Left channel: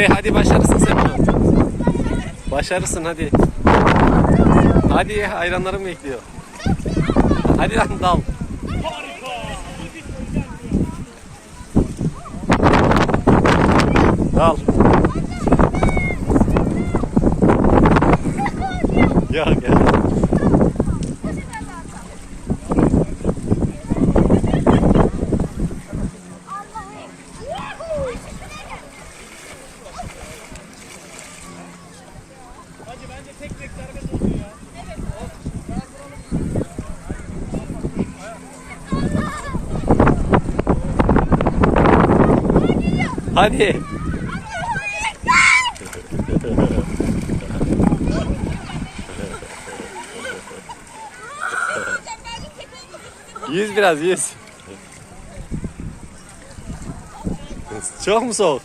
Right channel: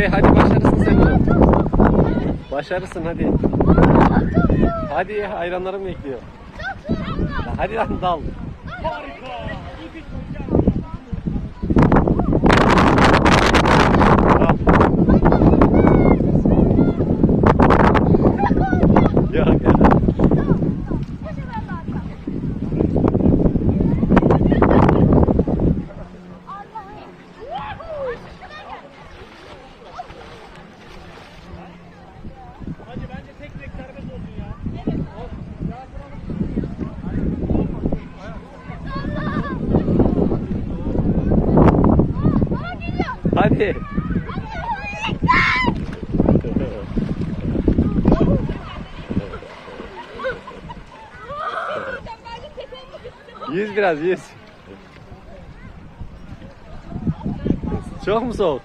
Efe hadi başarısın sen bunu. Başarısın hadi. Hadi hayranlarım bekliyor. Hadi lan dal. Dal. Ya gel. Hadi. Yüz biraz yüz. Çok mu soğuk?